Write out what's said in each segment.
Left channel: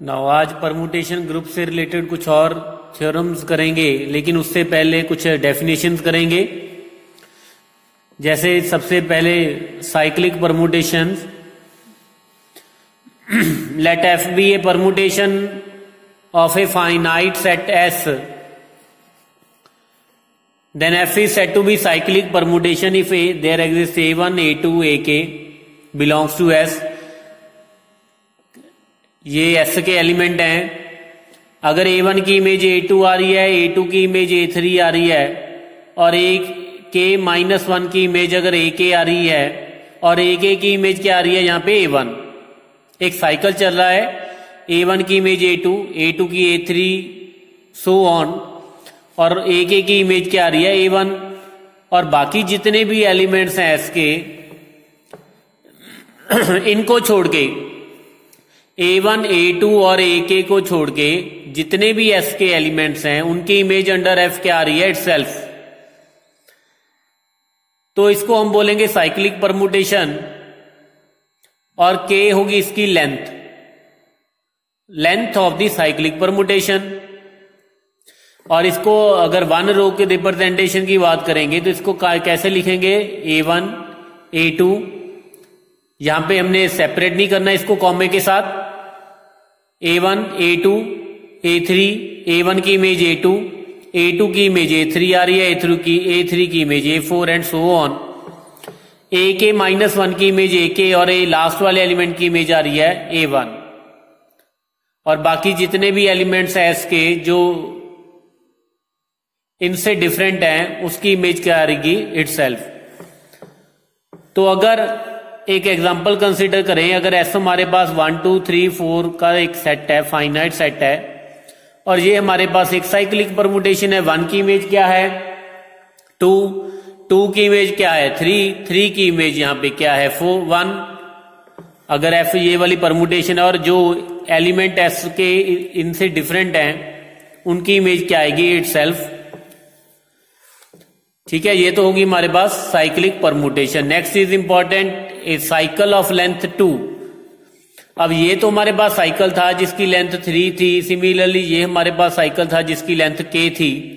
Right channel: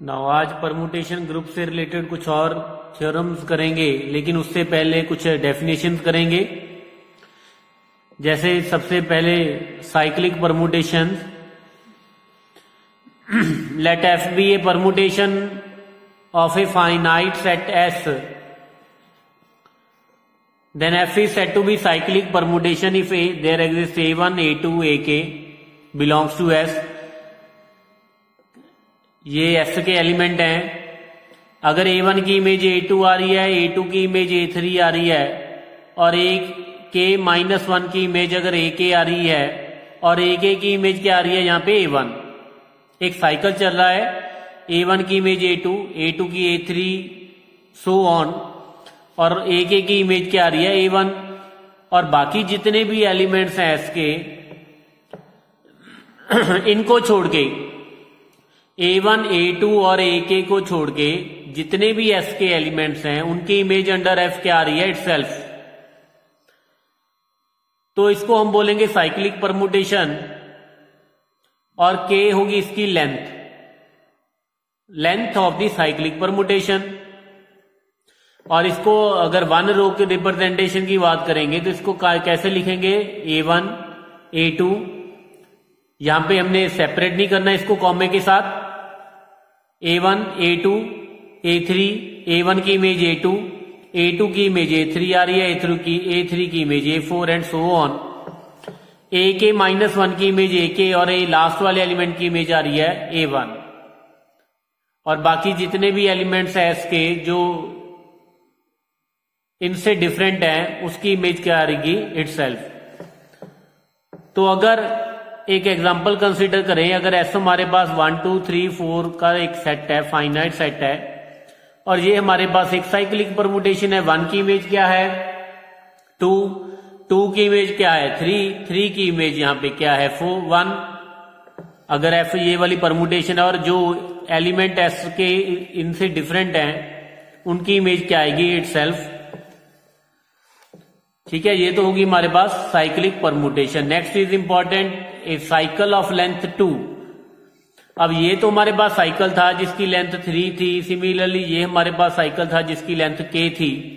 Now आज permutation group से related कुछ और थ्योरम्स करेंगे, लेकिन उससे पहले कुछ डेफिनेशंस करेंगे। जैसे सबसे पहले cyclic permutations. Let F be a permutation of a finite set S, then F is said to be cyclic permutation if there exists A1, A2, AK belongs to S. ये S के element हैं। अगर A1 की image A2 आ रही है, A2 की image A3 आ रही है और AK-1 की इमेज अगर AK आ रही है और AK की इमेज क्या आ रही है यहाँ पे A1, एक साइकिल चल रहा है। A1 की इमेज A2, A2 की A3, सो ऑन, और AK की इमेज क्या आ रही है A1, और बाकी जितने भी एलिमेंट्स हैं S के इनको छोड़ के A1, A2 और AK को छोड़ के जितने भी S के एलिमेंट्स हैं उनकी इमेज अंडर F क्या आ रही है इटसेल्फ। तो इसको हम बोलेंगे साइक्लिक परमुटेशन, और K होगी इसकी length of the cyclic permutation. और इसको अगर वन रो के रिप्रेजेंटेशन की बात करेंगे तो इसको कैसे लिखेंगे, A1, A2, यहां पे हमने सेपरेट नहीं करना इसको कॉमे के साथ। A1, A2, A3, A1 की इमेज A2, A2 की इमेज A3 आ रही है, A3 की image A4 and so on. AK-1 की इमेज AK और लास्ट वाले एलिमेंट की इमेज आ रही है A1, और बाकी जितने भी एलिमेंट्स हैं S के जो इनसे डिफरेंट है उसकी इमेज क्या आ रही इटसेल्फ। तो अगर एक एग्जांपल कंसीडर करें, अगर ऐसा हमारे पास 1, 2, 3, 4 का एक सेट है, फाइनाइट सेट है, और ये हमारे पास एक साइक्लिक परमुटेशन है। 1 की इमेज क्या है 2, 2 की इमेज क्या है 3, 3 की इमेज यहाँ पे क्या है 4, 1। अगर F ये वाली परमुटेशन है और जो एलिमेंट S के इनसे डिफरेंट हैं उनकी इमेज क्या आएगी इटसेल्फ। ठीक है, ये तो होगी हमारे पास cyclic permutation. Next is important, a cycle of length 2। अब ये तो हमारे पास साइकिल था जिसकी लेंथ 3 थी, सिमिलरली ये हमारे पास साइकिल था जिसकी लेंथ K थी।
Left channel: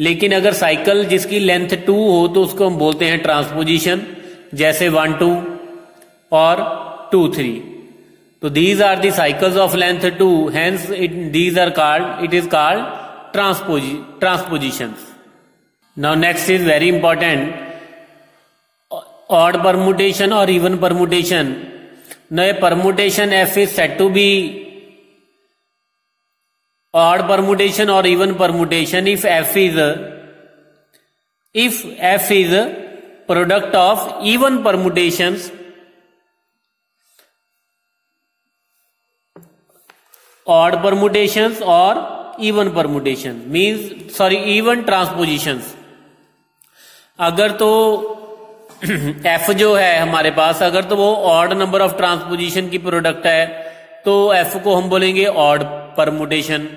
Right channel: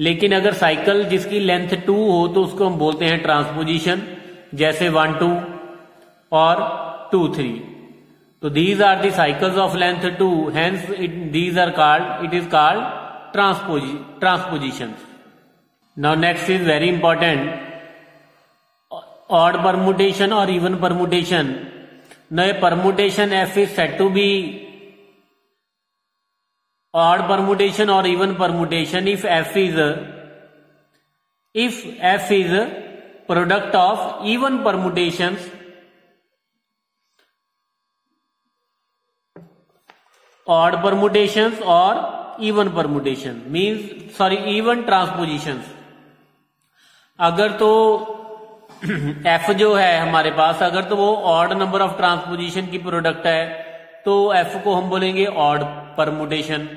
लेकिन अगर साइकिल जिसकी लेंथ 2 हो तो उसको हम बोलते हैं ट्रांसपोजिशन, जैसे 1, 2 और 2, 3। तो these are the cycles of length 2, hence it is called transposition. Now next is very important, odd permutation or even permutation. Now a permutation F is said to be odd permutation or even permutation if F is a product of even permutations odd permutations or even permutation even transpositions। अगर तो F जो है हमारे पास, अगर तो वो odd number of transposition की product है तो F को हम बोलेंगे ऑड परमुटेशन।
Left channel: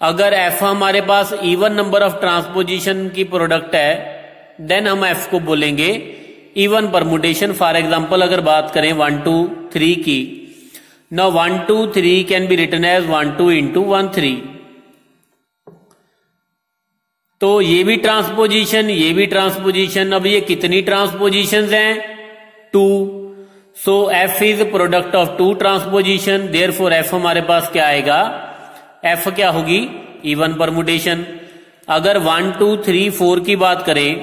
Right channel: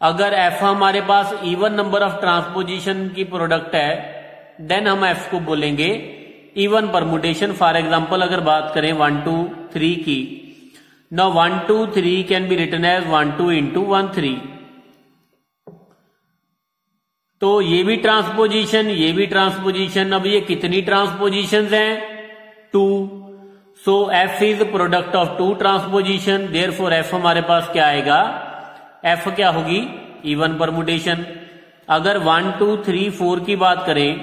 अगर F हमारे पास इवन नंबर ऑफ ट्रांसपोजिशन की प्रोडक्ट है देन हम F को बोलेंगे इवन परमुटेशन। फॉर एग्जांपल अगर बात करें 1, 2, 3 की, now 1, 2, 3 can be written as 1, 2 into 1, 3। तो ये भी ट्रांसपोजिशन, ये भी ट्रांसपोजिशन। अब ये कितनी ट्रांसपोजिशंस हैं 2। सो F is product of 2 transposition, therefore F हमारे पास क्या आएगा, F क्या होगी इवन परमुटेशन। अगर 1, 2, 3, 4 की बात करें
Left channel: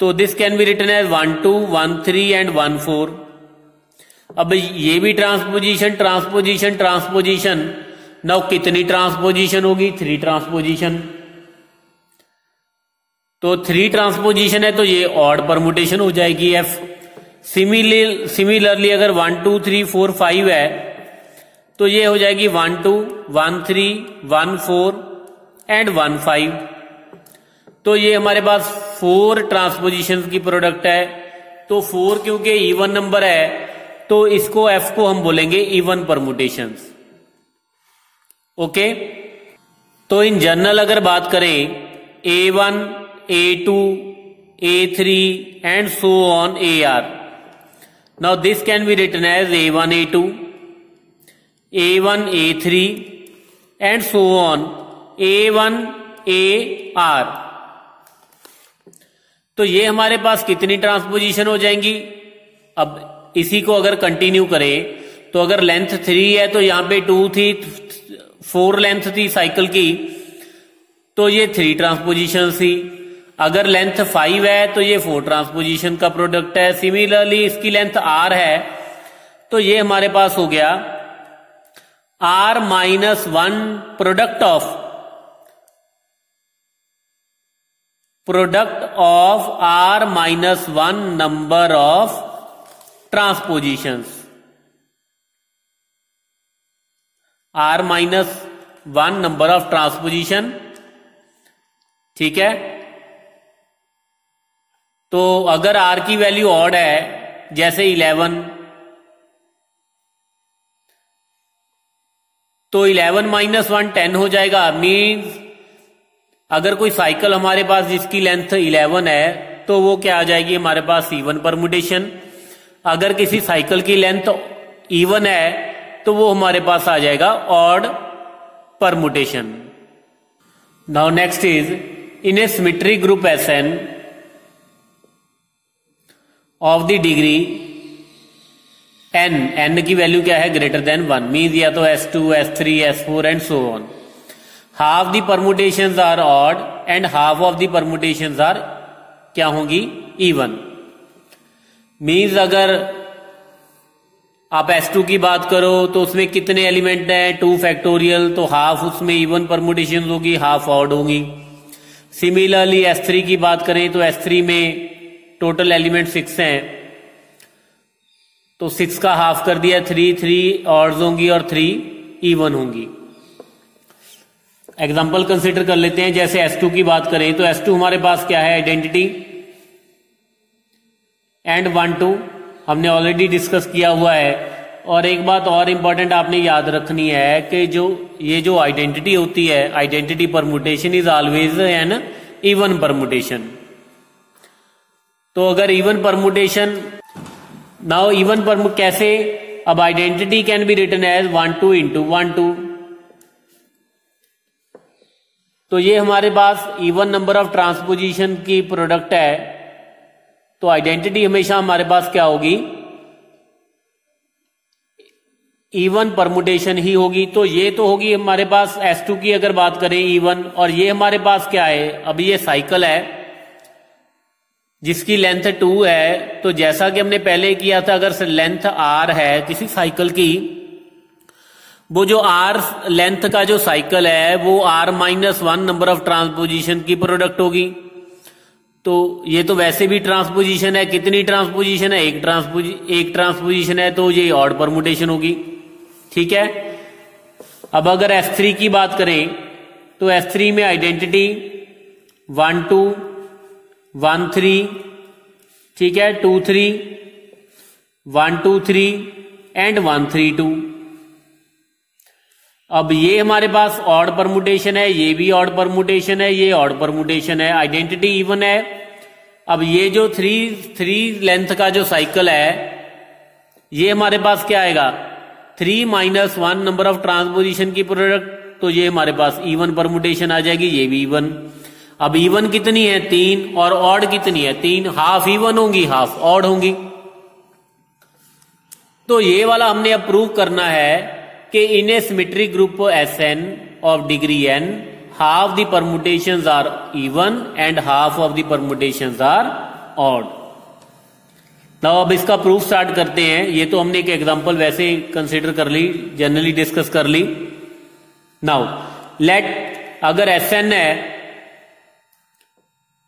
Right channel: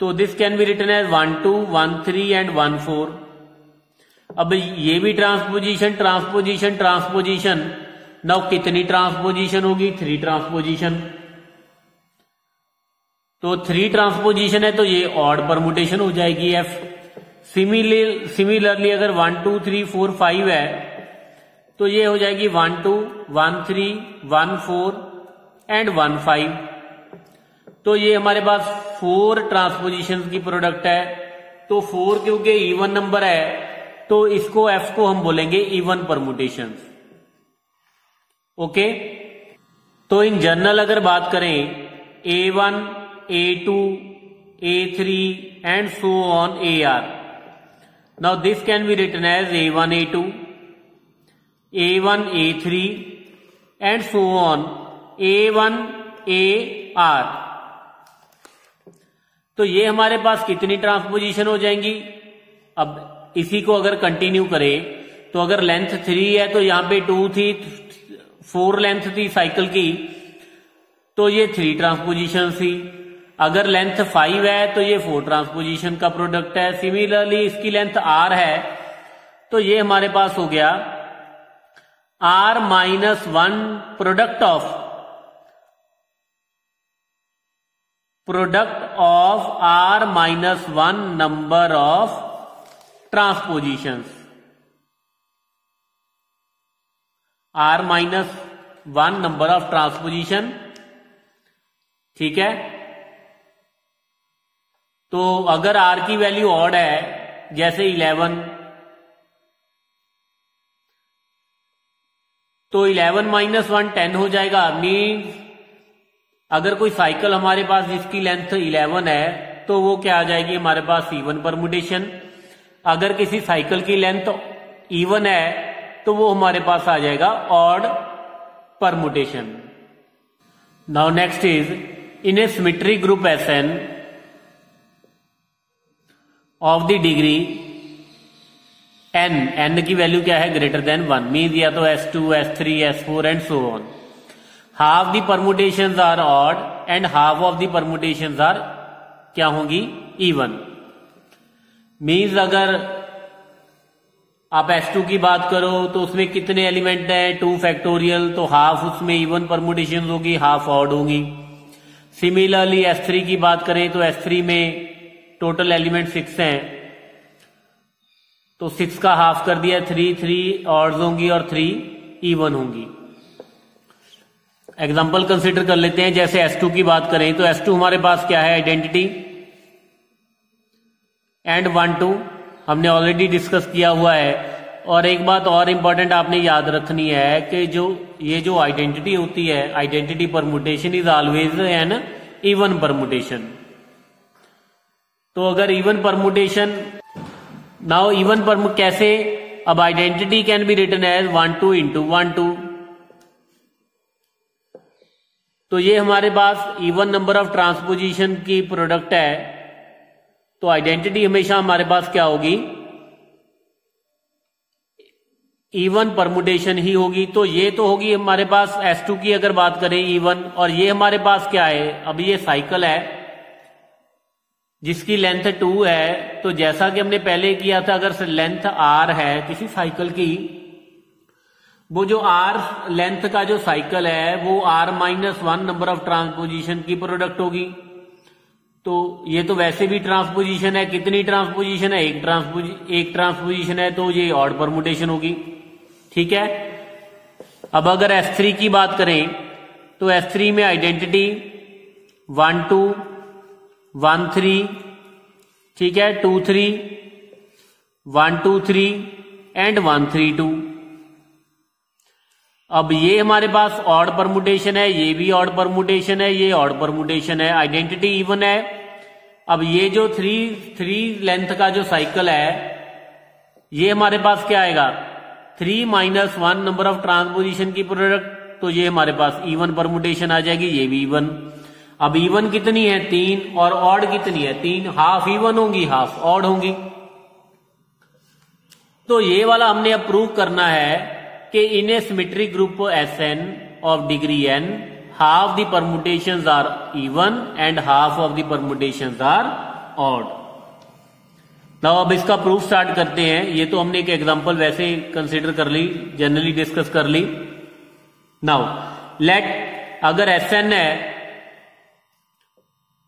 तो this can be written as 1, 2, 1, 3 and 1, 4। अब ये भी ट्रांसपोजिशन। नाउ कितनी ट्रांसपोजिशन होगी 3 ट्रांसपोजिशन। तो 3 ट्रांसपोजिशन है तो ये ऑड परमुटेशन हो जाएगी F। सिमिलरली अगर 1, 2, 3, 4, 5 है तो ये हो जाएगी 1, 2, 1, 3, 1, 4 एंड 1, 5। तो ये हमारे पास 4 ट्रांसपोजिशन की प्रोडक्ट है। तो 4 क्योंकि इवन नंबर है तो इसको F को हम बोलेंगे इवन परमुटेशन। ओके, तो इन जनरल अगर बात करें A1, A2, A3 and so on AR. Now this can be written as A1, A2, A1 A3 and so on A1 AR। तो ये हमारे पास कितनी ट्रांसपोजिशन हो जाएंगी? अब इसी को अगर कंटिन्यू करें तो अगर लेंथ 3 है तो यहां पे 2 थी, 4 लेंथ थी साइकिल की, तो ये 3 ट्रांसपोजिशन थी। अगर लेंथ 5 है तो ये 4 ट्रांसपोजिशन का प्रोडक्ट है। सिमिलरली इसकी लेंथ R है तो ये हमारे पास हो गया R-1 product of R-1 number of transpositions. R-1 number of transposition, ठीक है। तो अगर R की वैल्यू ऑड है जैसे 11, तो 11 - 1 10 हो जाएगा। मीन्स अगर कोई साइकिल हमारे पास जिसकी लेंथ 11 है तो वो क्या आ जाएगी हमारे पास इवन परमुटेशन। अगर किसी साइकिल की लेंथ इवन है तो वो हमारे पास आ जाएगा odd permutation. Now next is in a symmetric group Sn of the degree n की वैल्यू क्या है ग्रेटर देन 1, मीन्स या तो S2 S3 S4 and so on. Half the permutations are odd and half of the permutations are क्या होंगी even. Means अगर आप S2 की बात करो तो उसमें कितने एलिमेंट हैं 2 फैक्टोरियल, तो हाफ उसमें इवन परमुटेशन होगी, हाफ ऑड होगी। सिमिलरली S3 की बात करें तो S3 में टोटल एलिमेंट 6 हैं, तो 6 का हाफ कर दिया 3 ऑड्स होंगी और 3 इवन होंगी। एग्जांपल कंसिडर कर लेते हैं। जैसे S2 की बात करें तो S2 हमारे पास क्या है आइडेंटिटी एंड 1 2 हमने ऑलरेडी डिस्कस किया हुआ है। और एक बात और इंपॉर्टेंट आपने याद रखनी है कि ये जो आइडेंटिटी होती है, identity permutation is always an even permutation. तो अगर even permutation, now even permut कैसे, अब identity can be written as 1 2 × 1 2। तो ये हमारे पास इवन नंबर ऑफ ट्रांसपोजिशन की प्रोडक्ट है, तो आइडेंटिटी हमेशा हमारे पास क्या होगी इवन परमुटेशन ही होगी। तो ये तो होगी हमारे पास S2 की अगर बात करें इवन, और ये हमारे पास क्या है, अभी ये साइकिल है जिसकी लेंथ 2 है। तो जैसा कि हमने पहले किया था, अगर लेंथ R है किसी साइकिल की, वो जो R लेंथ का जो साइकिल है वो R-1 नंबर ऑफ ट्रांसपोजिशन की प्रोडक्ट होगी। तो ये तो वैसे भी ट्रांसपोजिशन है, कितनी ट्रांसपोजिशन है, एक ट्रांसपोजिशन है, तो ये ऑड परमुटेशन होगी, ठीक है। अब अगर S3 की बात करें तो S3 में आइडेंटिटी 1 2 1 3, ठीक है, 2 3 1 2 3 एंड 1 3 2। अब ये हमारे पास ऑड परमुटेशन है, ये भी ऑड परमुटेशन है, ये ऑड परमुटेशन है, आइडेंटिटी इवन है। अब ये जो 3 लेंथ का जो साइकिल है, ये हमारे पास क्या आएगा 3 - 1 नंबर ऑफ ट्रांसपोजिशन की प्रोडक्ट, तो ये हमारे पास इवन परमुटेशन आ जाएगी, ये भी इवन। अब इवन कितनी है 3, और ऑड कितनी है 3, हाफ इवन होंगी हाफ ऑड होंगी। तो ये वाला हमने अब प्रूव करना है कि in a symmetric group Sn of degree n half the permutations are even and half of the permutations are odd. Now अब इसका प्रूफ स्टार्ट करते हैं। ये तो हमने एक एग्जांपल वैसे कंसीडर कर ली, जनरली डिस्कस कर ली। नाउ लेट अगर Sn है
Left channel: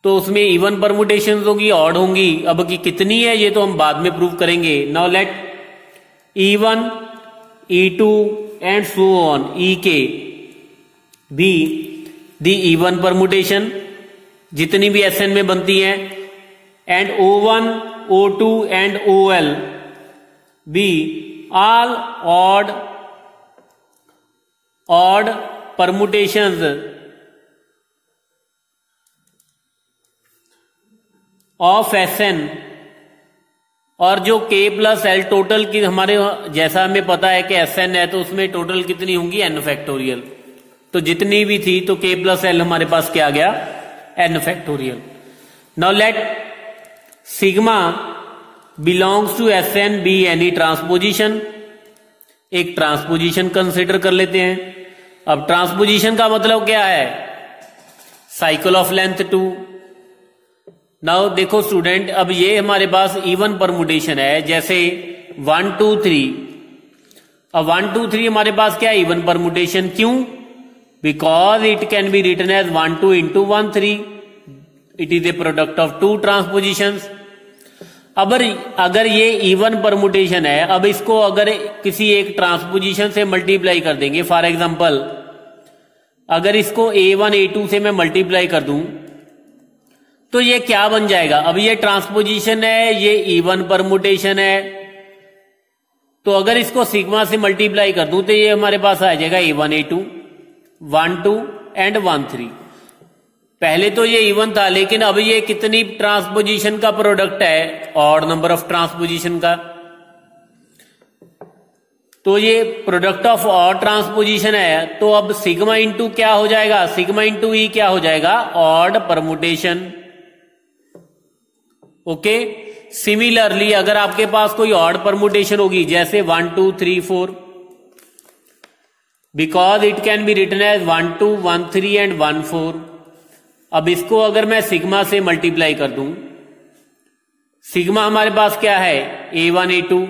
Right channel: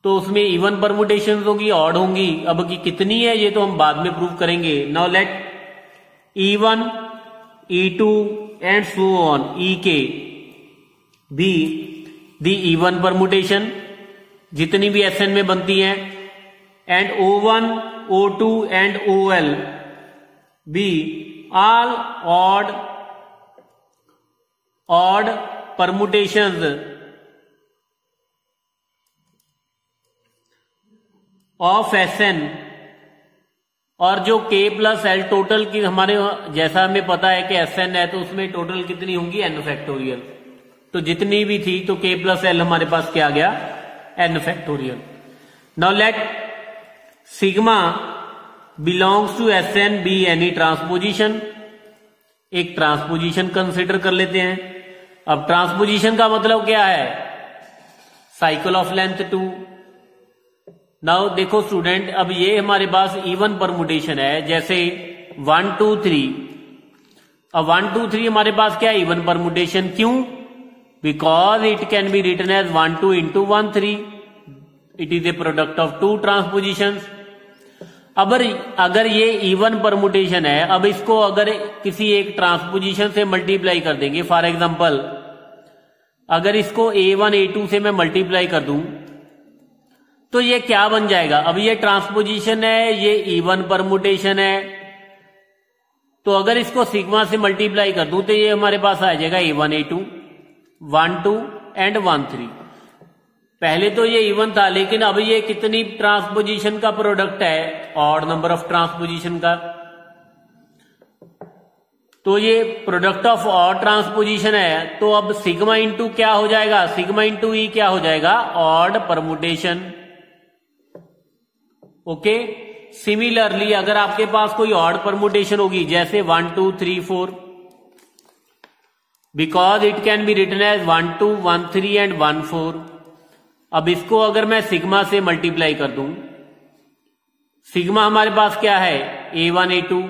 तो उसमें इवन परमुटेशंस होगी ऑड होंगी। अब की कितनी है ये तो हम बाद में प्रूव करेंगे। Now let E1 E2 and so on Ek be the even permutation जितनी भी Sn में बनती हैं, and O1 O2 and OL be all odd permutations of Sn और जो K प्लस एल टोटल की हमारे जैसा हमें पता है कि Sn है तो उसमें टोटल कितनी होंगी n फैक्टोरियल। तो जितनी भी थी तो K प्लस एल हमारे पास क्या आ गया n factorial. Now let sigma belongs to Sn be any transposition. एक ट्रांसपोजिशन कंसिडर कर लेते हैं। अब ट्रांसपोजिशन का मतलब क्या है, साइकिल ऑफ लेंथ 2। नाउ देखो स्टूडेंट, अब ये हमारे पास इवन परमुटेशन है, जैसे 1 2 3। अब 1 2 3 हमारे पास क्या है, इवन परमुटेशन। क्यों? Because it can be written as 1 2 into 1 3। It is a product of two transpositions. अब अगर ये इवन परमुटेशन है, अब इसको अगर किसी एक ट्रांसपोजिशन से मल्टीप्लाई कर देंगे, फॉर एग्जांपल अगर इसको A1 A2 से मैं मल्टीप्लाई कर दूं तो ये क्या बन जाएगा। अब ये ट्रांसपोजिशन है, ये इवन परमुटेशन है, तो अगर इसको सिग्मा से मल्टीप्लाई कर दूं तो ये हमारे पास आ जाएगा A1 A2 1 2 एंड 1 3। पहले तो ये इवन था, लेकिन अब ये कितनी ट्रांसपोजिशन का प्रोडक्ट है, ऑड नंबर ऑफ ट्रांसपोजिशन का। तो ये प्रोडक्ट ऑफ ऑड ट्रांसपोजिशन है, तो अब सिग्मा इंटू क्या हो जाएगा, सिग्मा इंटू ई क्या हो जाएगा, ऑड परमुटेशन। ओके। सिमिलरली अगर आपके पास कोई ऑड परमुटेशन होगी, जैसे 1 2 3 4, because it can be written as 1 2 1 3 and 1 4। अब इसको अगर मैं सिग्मा से मल्टीप्लाई कर दूं, सिग्मा हमारे पास क्या है, A1 A2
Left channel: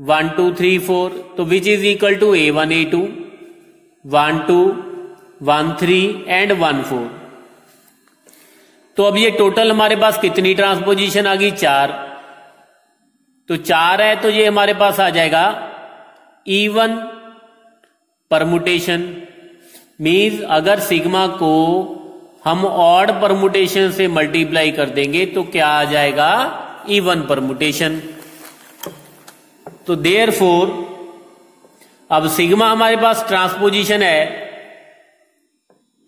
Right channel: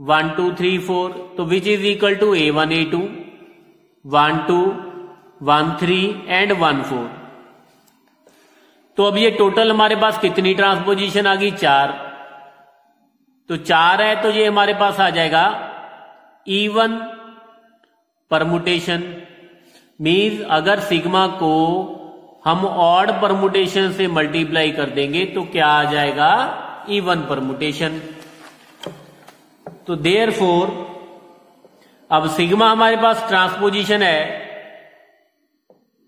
1 2 3 4, तो which is equal to A1 A2 1 2 1 3 and 1 4। तो अब ये टोटल हमारे पास कितनी ट्रांसपोजिशन आ गई, 4। तो 4 है तो ये हमारे पास आ जाएगा इवन परमुटेशन। मीन्स अगर सिग्मा को हम ऑड परमुटेशन से मल्टीप्लाई कर देंगे तो क्या आ जाएगा, इवन परमुटेशन। तो देयरफॉर अब सिग्मा हमारे पास ट्रांसपोजिशन है,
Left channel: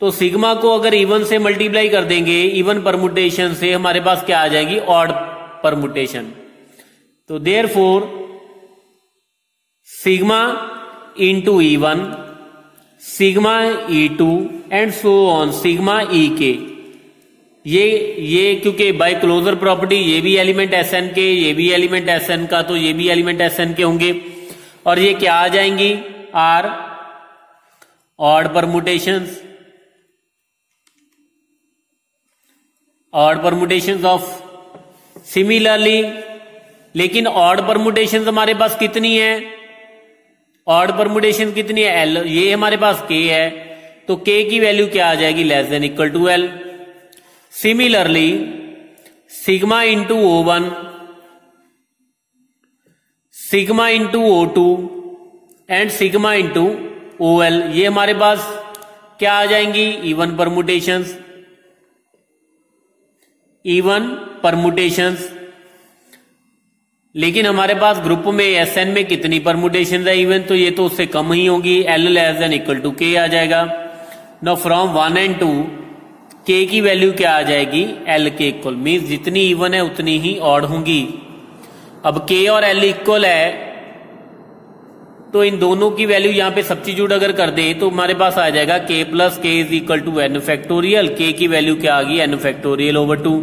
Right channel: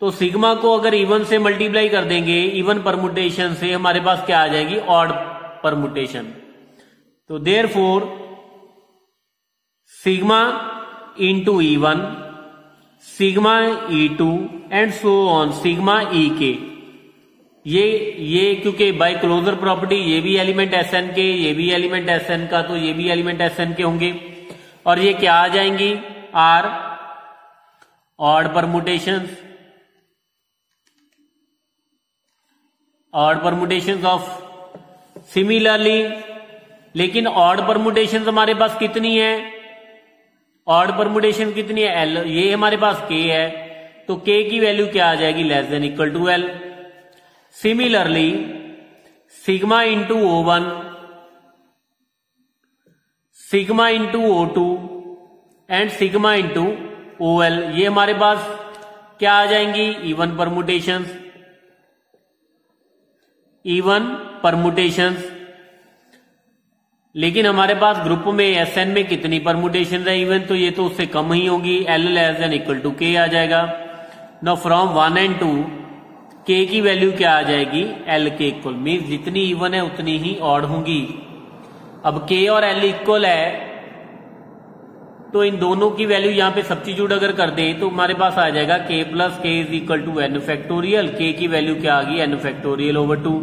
तो सिग्मा को अगर इवन से मल्टीप्लाई कर देंगे, इवन परमुटेशन से, हमारे पास क्या आ जाएगी, ऑड परमुटेशन। तो therefore sigma into E1 sigma E2 and so on sigma EK। ये क्योंकि बाय क्लोजर प्रॉपर्टी ये भी एलिमेंट Sn के, ये भी एलिमेंट Sn का, तो ये भी एलिमेंट Sn के होंगे, और ये क्या आ जाएंगी, are odd permutations, odd permutations of similarly. लेकिन ऑड परमुटेशंस हमारे पास कितनी है, ऑड परमुटेशन कितनी है, L। ये हमारे पास K है, तो K की वैल्यू क्या आ जाएगी, less than equal to L। Similarly sigma into O1 sigma into O2 and sigma into OL, ये हमारे पास क्या आ जाएंगी, इवन परमुटेशंस, इवन परमुटेशंस। लेकिन हमारे पास ग्रुप में Sn में कितनी परमुटेशन है इवन, तो ये तो उससे कम ही होगी, L less than equal to K आ जाएगा। नाउ फ्रॉम 1 एंड 2 K की वैल्यू क्या आ जाएगी, L के इक्वल। मीन्स जितनी इवन है उतनी ही ऑड होंगी। अब K और L इक्वल है, तो इन दोनों की वैल्यू यहां पे सब्स्टिट्यूट अगर कर दे तो हमारे पास आ जाएगा K plus K is equal to n factorial. K की वैल्यू क्या आ गई, n फैक्टोरियल ओवर 2,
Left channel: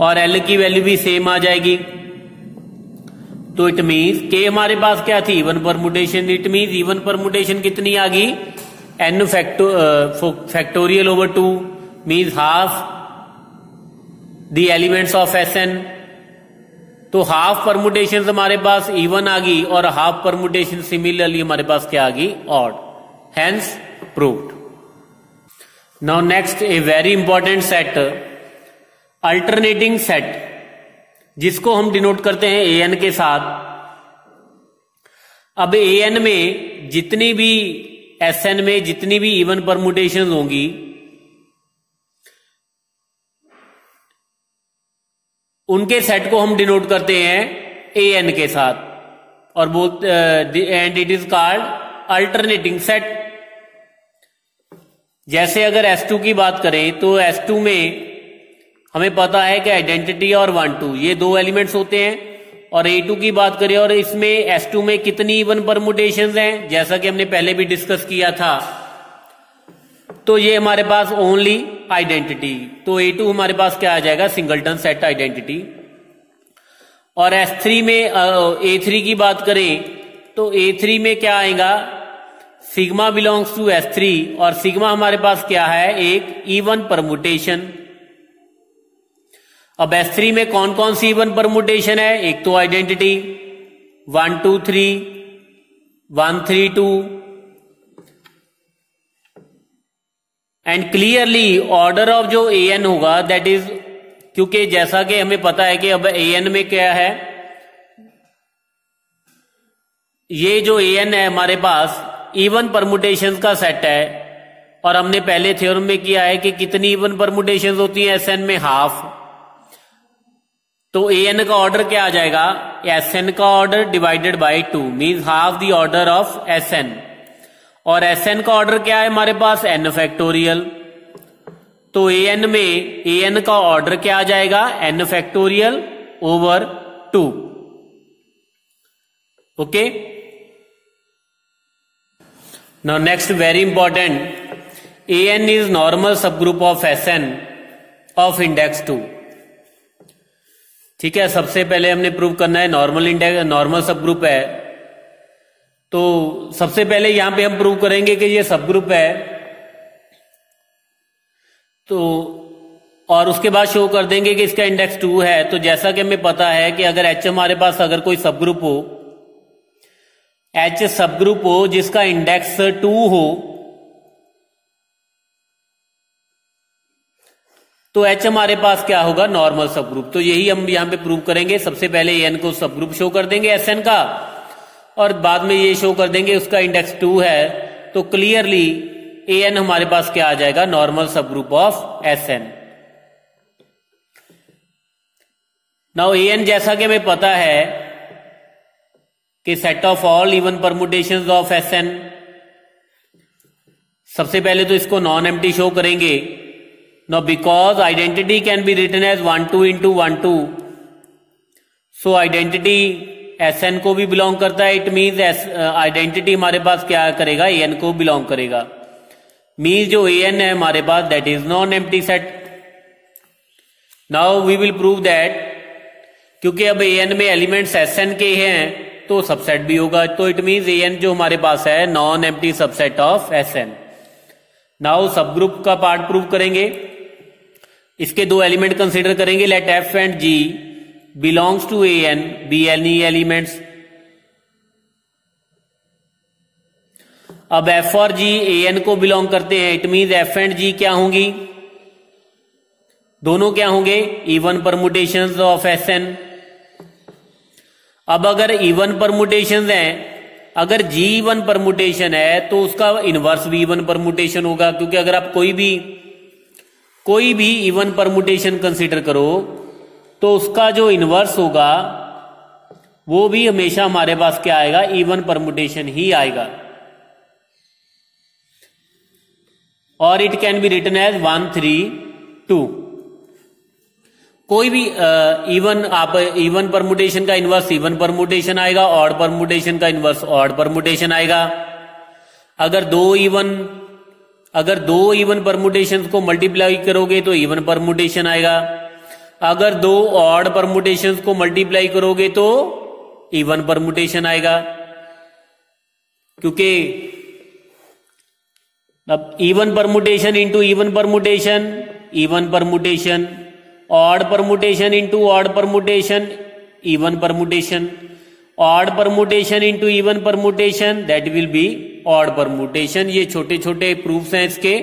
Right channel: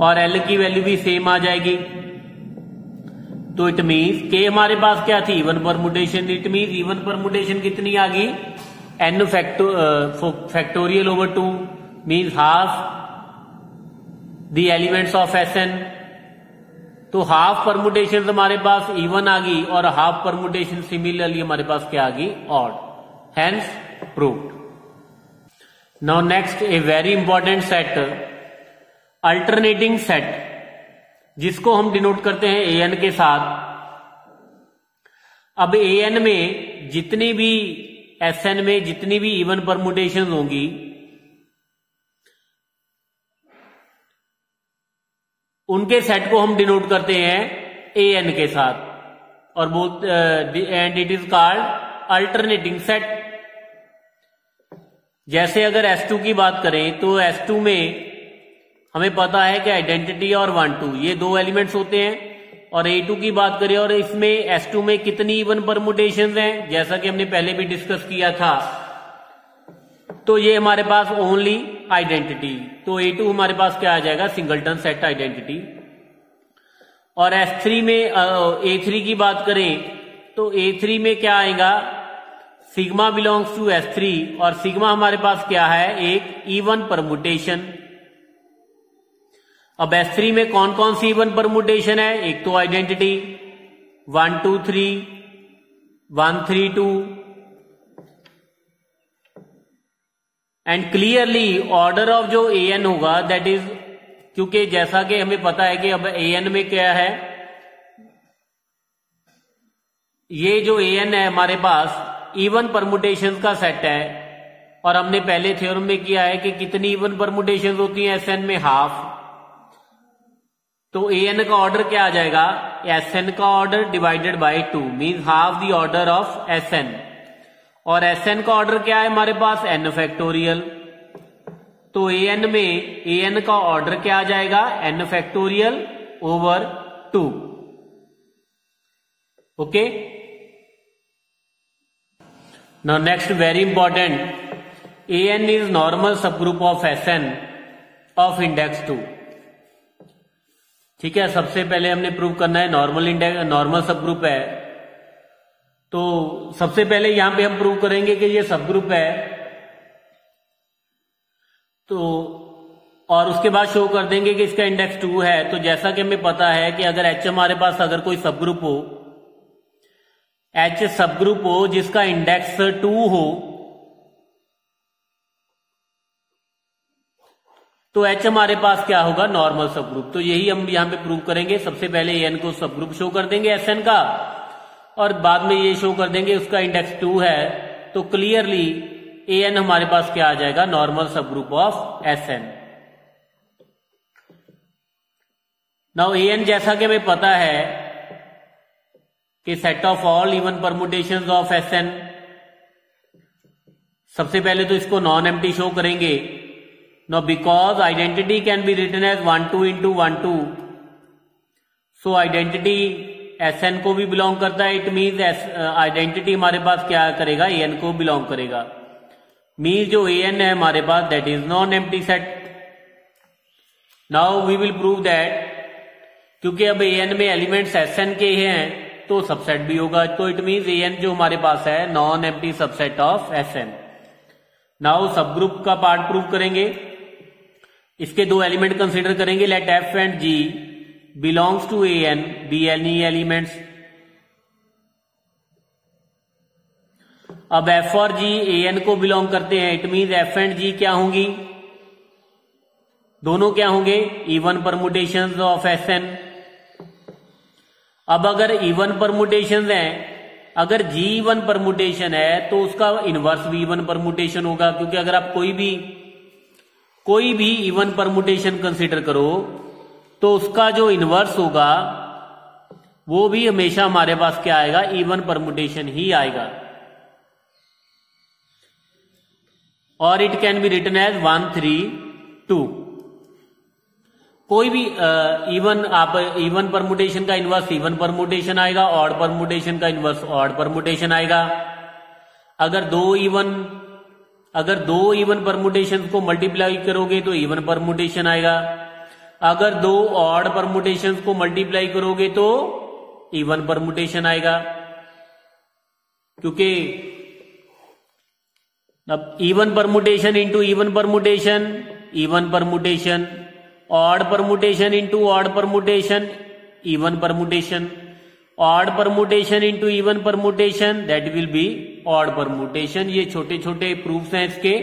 और L की वैल्यू भी सेम आ जाएगी। तो इट मीन्स K हमारे पास क्या थी, even permutation. It means even permutation कितनी आ गई, n factorial over 2, means half the elements of Sn। तो हाफ परमुटेशन हमारे पास इवन आ गई, और हाफ परमुटेशन सिमिलरली हमारे पास क्या आ गई, odd. Hence proved. Now next a very important set, alternating set, जिसको हम डिनोट करते हैं an के साथ। अब an में जितनी भी Sn में जितनी भी इवन परमुटेशन होंगी, उनके सेट को हम डिनोट करते हैं an के साथ, और both and it is called alternating set. जैसे अगर S2 की बात करें तो S2 में हमें पता है कि आइडेंटिटी और 1 2 ये दो एलिमेंट्स होते हैं। और A2 की बात करें और इसमें S2 में कितनी इवन परमुटेशंस हैं, जैसा कि हमने पहले भी डिस्कस किया था, तो ये हमारे पास ओनली आइडेंटिटी, तो A2 हमारे पास क्या आ जाएगा, सिंगलटन सेट आइडेंटिटी। और S3 में A3 की बात करें तो A3 में क्या आएगा, सिग्मा बिलोंग्स टू S3 और सिग्मा हमारे पास क्या है, एक इवन परमुटेशन। अब S3 में कौन कौन सी इवन परमुटेशन है, एक तो identity 1 2 3 1 3 2 and clearly order of जो AN होगा दैट इज, क्योंकि जैसा कि हमें पता है कि अब AN में क्या है, ये जो AN है हमारे पास इवन परमुटेशंस का सेट है। और हमने पहले थ्योरम में किया है कि कितनी इवन परमुटेशंस होती हैं SN में, हाफ। तो AN का ऑर्डर क्या आ जाएगा, SN का order divided by 2 means half the order of SN। और SN का ऑर्डर क्या है हमारे पास, n फैक्टोरियल। तो AN में AN का ऑर्डर क्या आ जाएगा, n factorial over 2। Okay, now next very important, AN is normal subgroup of SN ऑफ इंडेक्स 2। ठीक है, सबसे पहले हमने प्रूव करना है normal index, normal subgroup है। तो सबसे पहले यहां पे हम प्रूव करेंगे कि ये सब ग्रुप है, तो और उसके बाद शो कर देंगे कि इसका इंडेक्स 2 है। तो जैसा कि हमें पता है कि अगर H हमारे पास अगर कोई सब ग्रुप हो, H सब ग्रुप हो जिसका इंडेक्स 2 हो, तो H हमारे पास क्या होगा, नॉर्मल सब ग्रुप। तो यही हम यहां पे प्रूव करेंगे। सबसे पहले AN को सब ग्रुप शो कर देंगे SN का, और बाद में ये शो कर देंगे उसका इंडेक्स 2 है। तो क्लियरली AN हमारे पास क्या आ जाएगा, normal subgroup of SN। Now AN जैसा कि हमें पता है कि set of all even permutations of SN। सबसे पहले तो इसको नॉन एम्प्टी शो करेंगे। Now because identity can be written as 1 2 into 1 2, so identity SN को भी बिलोंग करता है। इट मीन्स आइडेंटिटी हमारे पास क्या करेगा, AN को बिलोंग करेगा। मीन्स जो AN है हमारे पास that is non empty set. Now we will prove that, क्योंकि अब AN में एलिमेंट्स SN के हैं तो सबसेट भी होगा। तो इट मीन्स AN जो हमारे पास है non empty subset of SN। Now subgroup का पार्ट प्रूव करेंगे। इसके दो एलिमेंट कंसीडर करेंगे, let F and G belongs to AN be any elements. अब F और G AN को बिलोंग करते हैं, it means F and G क्या होंगी, दोनों क्या होंगे, इवन परमुटेशंस ऑफ SN। अब अगर इवन परमुटेशंस हैं, अगर G इवन परमुटेशन है तो उसका इनवर्स भी इवन परमुटेशन होगा, क्योंकि अगर आप कोई भी इवन परमुटेशन कंसीडर करो तो उसका जो इनवर्स होगा वो भी हमेशा हमारे पास क्या आएगा, इवन परमुटेशन ही आएगा। और it can be written as 1 3 2। कोई भी इवन परमुटेशन का इनवर्स इवन परमुटेशन आएगा, ऑड परमुटेशन का इनवर्स ऑड परमुटेशन आएगा। अगर दो इवन परमुटेशंस को मल्टीप्लाई करोगे तो इवन परमुटेशन आएगा। अगर दो ऑड परमुटेशंस को मल्टीप्लाई करोगे तो इवन परमुटेशन आएगा, क्योंकि अब even permutation into even permutation, odd permutation into odd permutation, even permutation, odd permutation into even permutation, that will be odd permutation. ये छोटे छोटे प्रूफ्स हैं इसके,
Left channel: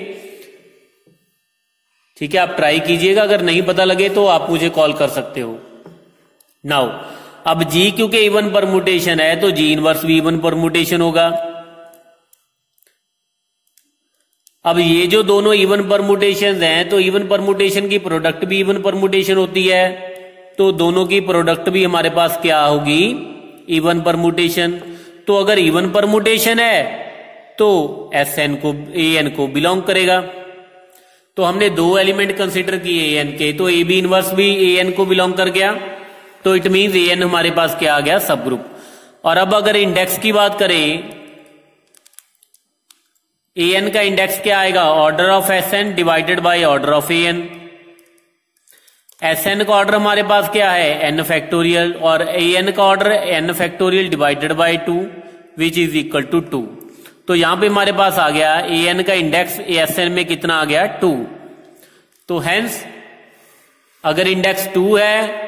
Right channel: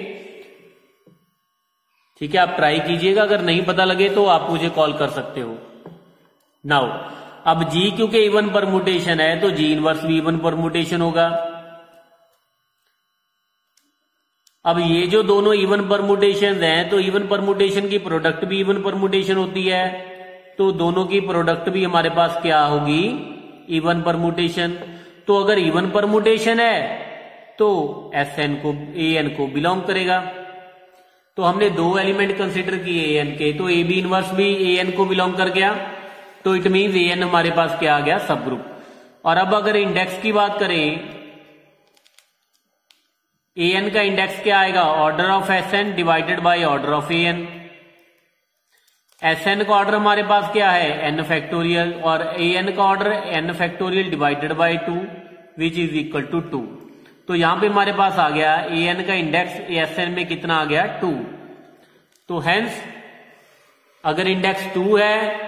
ठीक है। आप ट्राई कीजिएगा, अगर नहीं पता लगे तो आप मुझे कॉल कर सकते हो। नाउ अब G क्योंकि इवन परमुटेशन है तो G इनवर्स भी इवन परमुटेशन होगा। अब ये जो दोनों इवन परमुटेशन हैं तो इवन परमुटेशन की प्रोडक्ट भी इवन परमुटेशन होती है, तो दोनों की प्रोडक्ट भी हमारे पास क्या होगी, इवन परमुटेशन। तो अगर इवन परमुटेशन है तो SN को AN को बिलोंग करेगा। तो हमने 2 एलिमेंट कंसिडर किए ए एन के, तो ए बी इनवर्स भी ए एन को बिलोंग कर गया, तो इट मीन्स ए एन हमारे पास क्या आ गया, सब ग्रुप। और अब अगर इंडेक्स की बात करें, ए एन का इंडेक्स क्या आएगा, order of S N divided by order of A N. S N का ऑर्डर हमारे पास क्या है, एन फैक्टोरियल, और ए एन का order N factorial divided by 2 which is equal to 2। तो यहां पे हमारे पास आ गया ए एन का इंडेक्स एस एन में कितना आ गया, 2। तो हेंस अगर इंडेक्स 2 है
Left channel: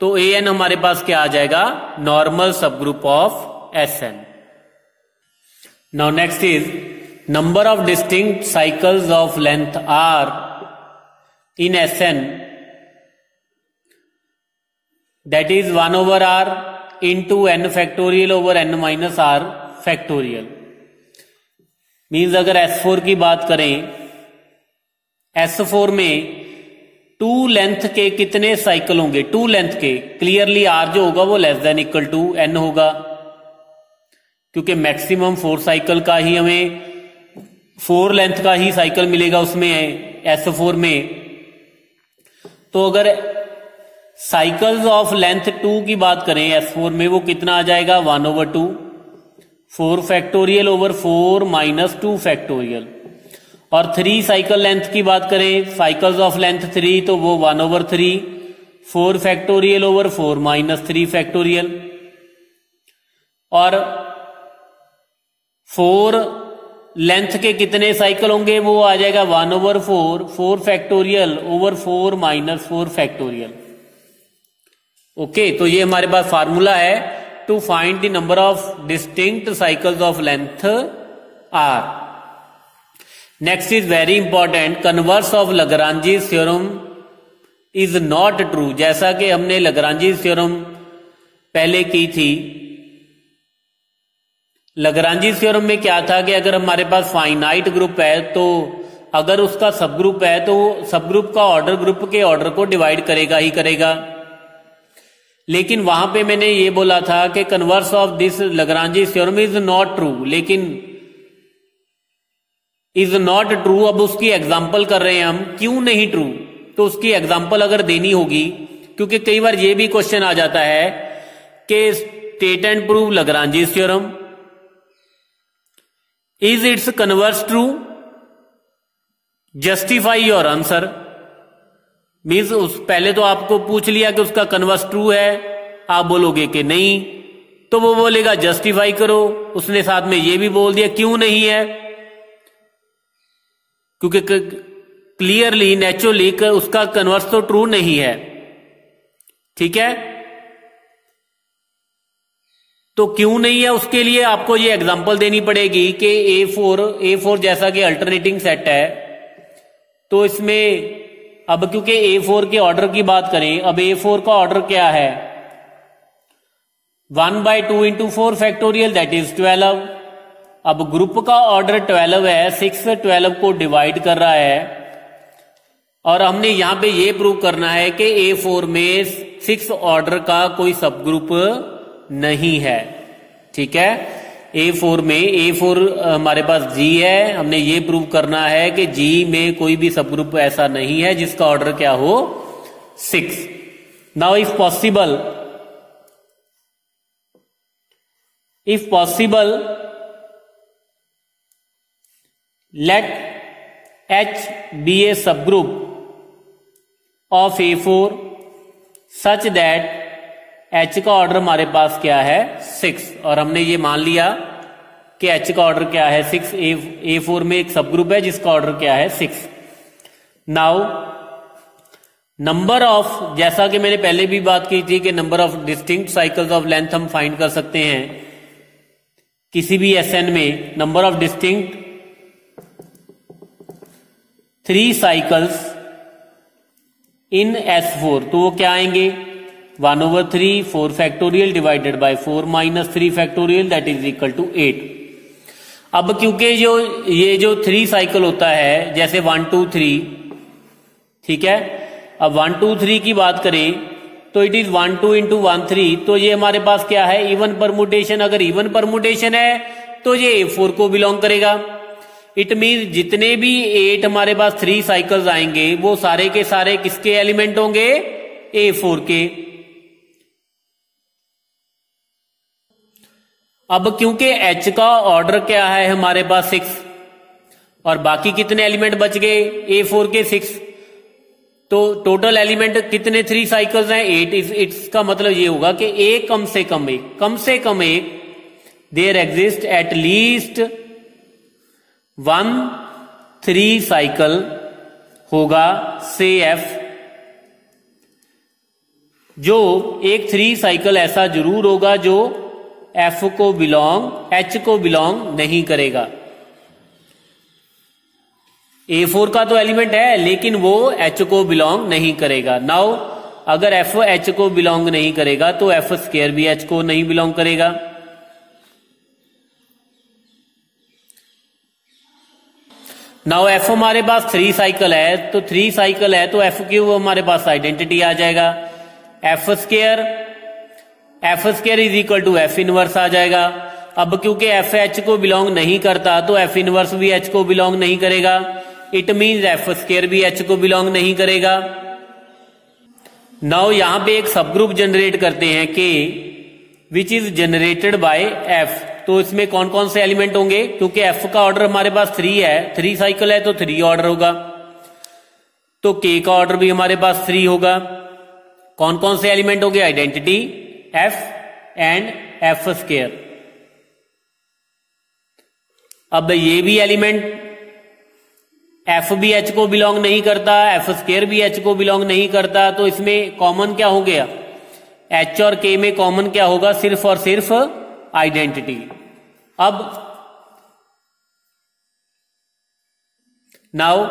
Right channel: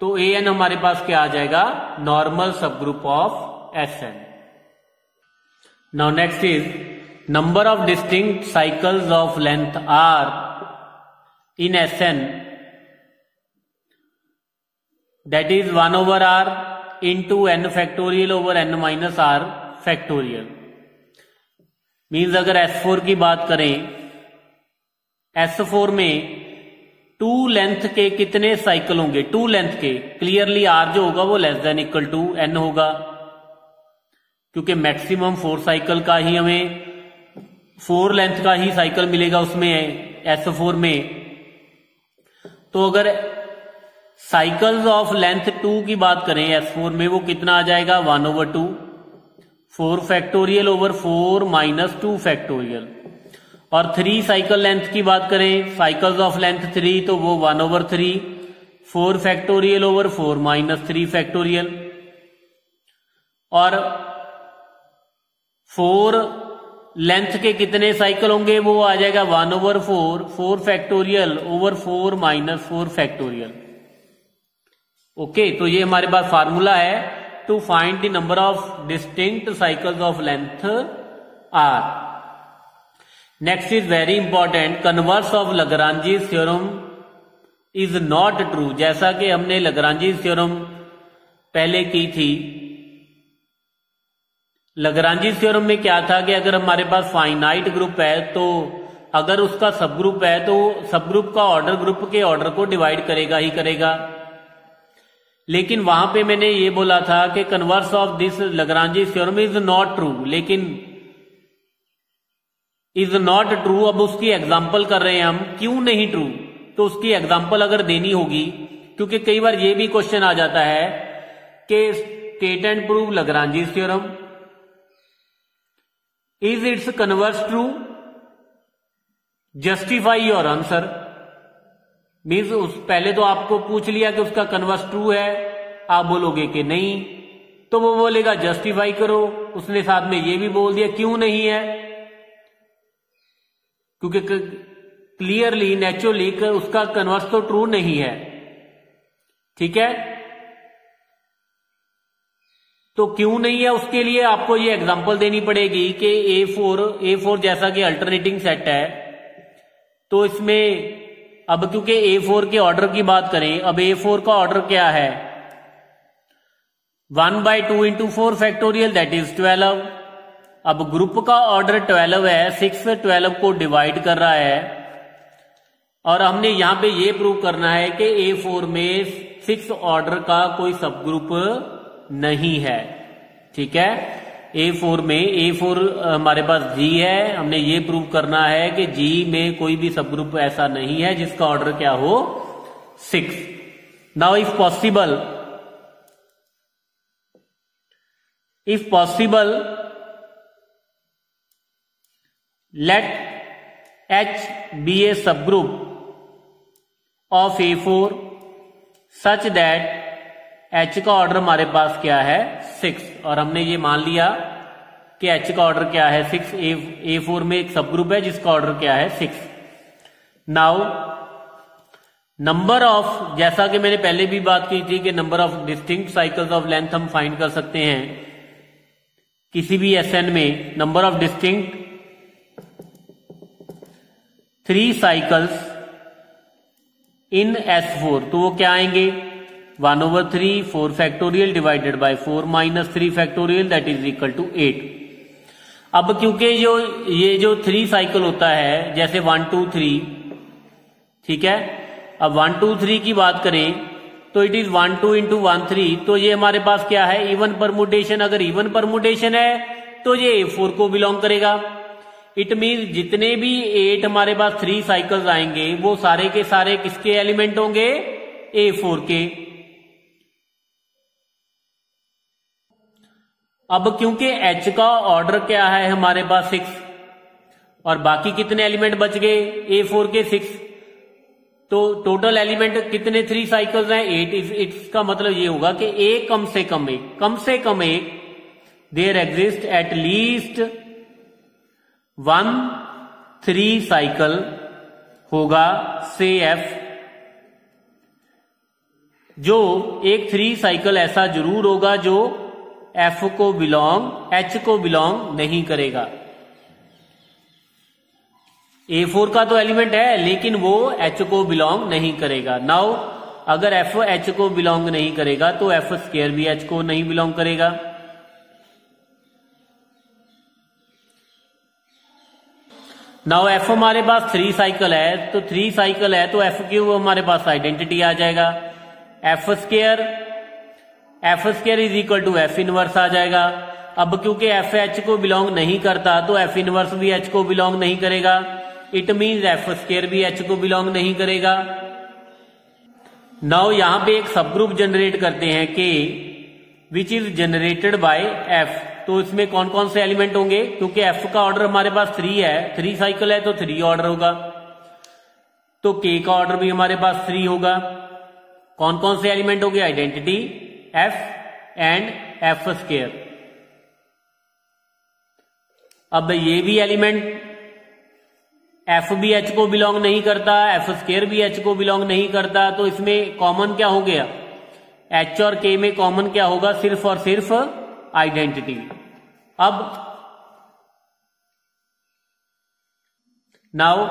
तो ए एन हमारे पास क्या आ जाएगा, normal subgroup of S N. Now next is number of distinct cycles of length R in S N, that is 1 over r into N factorial over N minus R factorial. Means अगर S4 की बात करें, S4 में 2 length के कितने cycle होंगे, 2 length के, clearly R जो होगा वो less than equal to N होगा, क्योंकि मैक्सिमम 4 साइकिल का ही हमें 4 लेंथ का ही साइकिल मिलेगा उसमें S4 में। तो अगर साइकिल्स ऑफ लेंथ 2 की बात करें S4 में, वो कितना आ जाएगा, 1 over 2, 4 factorial over 4 minus 2 factorial. और 3 साइकिल लेंथ की बात करें, साइकिल्स ऑफ लेंथ 3, तो वो 1 over 3, 4 factorial over 4 minus 3 factorial. और 4 लेंथ के कितने साइकिल होंगे, वो आ जाएगा 1 over 4, 4 factorial over 4 minus 4 factorial. Okay, तो ये हमारे पास फार्मूला है to find the number of distinct cycles of length R. Next is very important, converse of Lagrange's theorem is not true. जैसा कि हमने लग्रांजीज थ्योरम पहले की थी, लग्रांजीज थ्योरम में क्या था कि अगर हमारे पास फाइनाइट ग्रुप है, तो अगर उसका सब ग्रुप है तो सब ग्रुप का ऑर्डर ग्रुप के ऑर्डर को डिवाइड करेगा ही करेगा। लेकिन वहां पे मैंने ये बोला था कि converse of this Lagrange's theorem is not true, लेकिन इज नॉट ट्रू। अब उसकी एग्जांपल कर रहे हैं हम, क्यों नहीं ट्रू, तो उसकी एग्जांपल अगर देनी होगी, क्योंकि कई बार ये भी क्वेश्चन आ जाता है कि state and prove Lagrange's theorem, is its converse true, justify your answer. Means पहले तो आपको पूछ लिया कि उसका कन्वर्स ट्रू है, आप बोलोगे कि नहीं, तो वो बोलेगा जस्टिफाई करो। उसने साथ में ये भी बोल दिया क्यों नहीं है, क्योंकि क्लियरली नेचुरली उसका कन्वर्स तो ट्रू नहीं है। ठीक है, तो क्यों नहीं है, उसके लिए आपको ये एग्जांपल देनी पड़ेगी कि A4 जैसा कि अल्टरनेटिंग सेट है, तो इसमें अब क्योंकि A4 के ऑर्डर की बात करें, अब A4 का ऑर्डर क्या है, 1/2 into 4 फैक्टोरियल दैट इज 12। अब ग्रुप का ऑर्डर 12 है, 6 12 को डिवाइड कर रहा है, और हमने यहां पे ये प्रूव करना है कि A4 में 6 ऑर्डर का कोई सब ग्रुप नहीं है। ठीक है, A4 में A4 हमारे पास G है, हमने ये प्रूव करना है कि G में कोई भी सब ग्रुप ऐसा नहीं है जिसका ऑर्डर क्या हो, 6। Now if possible let H be a subgroup of A4 such that H का ऑर्डर हमारे पास क्या है, 6, और हमने ये मान लिया कि H का ऑर्डर क्या है, 6। A4 में एक सब ग्रुप है जिसका ऑर्डर क्या है, 6। नाउ नंबर ऑफ, जैसा कि मैंने पहले भी बात की थी कि number of distinct cycles of length हम फाइंड कर सकते हैं किसी भी SN में। Number of distinct 3 cycles in S4, तो वो क्या आएंगे, 1 over 3, 4 factorial divided by 4 minus 3 factorial that is equal to 8। अब क्योंकि ये जो 3 साइकिल होता है, जैसे 1 2 3, ठीक है, अब 1 2 3 की बात करें तो इट इज 1 2 into 1 3, तो ये हमारे पास क्या है, इवन परमुटेशन। अगर इवन परमुटेशन है तो ये A4 को बिलोंग करेगा। इट मीन जितने भी 8 हमारे पास 3 साइकिल्स आएंगे वो सारे के सारे किसके एलिमेंट होंगे? A4 के। अब क्योंकि H का ऑर्डर क्या है हमारे पास 6 और बाकी कितने एलिमेंट बच गए? A4 के 6, तो टोटल एलिमेंट कितने 3 साइकिल्स हैं? 8। इसका मतलब ये होगा कि एक कम से कम एक there exist at least 1 3 cycle होगा से F, जो एक 3 साइकिल ऐसा जरूर होगा जो H को बिलोंग नहीं करेगा। A4 का तो एलिमेंट है लेकिन वो H को बिलोंग नहीं करेगा। नाउ अगर F H को बिलोंग नहीं करेगा तो F स्क्वायर भी H को नहीं बिलोंग करेगा। नाउ F हमारे पास 3 साइकिल है, तो 3 साइकिल है तो F की वो हमारे पास आइडेंटिटी आ जाएगा। F square is equal to F inverse आ जाएगा। अब क्योंकि F H को बिलोंग नहीं करता तो F इनवर्स भी H को बिलोंग नहीं करेगा। इट मीन्स F स्क्वायर भी H को बिलोंग नहीं करेगा। नाउ यहां पे एक सब ग्रुप जनरेट करते हैं K which is generated bye F। तो इसमें कौन कौन से एलिमेंट होंगे? क्योंकि F का ऑर्डर हमारे पास 3 है, 3 साइकिल है तो 3 ऑर्डर होगा, तो K का ऑर्डर भी हमारे पास 3 होगा। कौन कौन से एलिमेंट होंगे? Identity F and F square. अब ये भी एलिमेंट F भी H को बिलोंग नहीं करता, F स्क्वायर भी H को बिलोंग नहीं करता, तो इसमें कॉमन क्या हो गया? H और K में कॉमन क्या होगा? सिर्फ और सिर्फ आइडेंटिटी। अब नाउ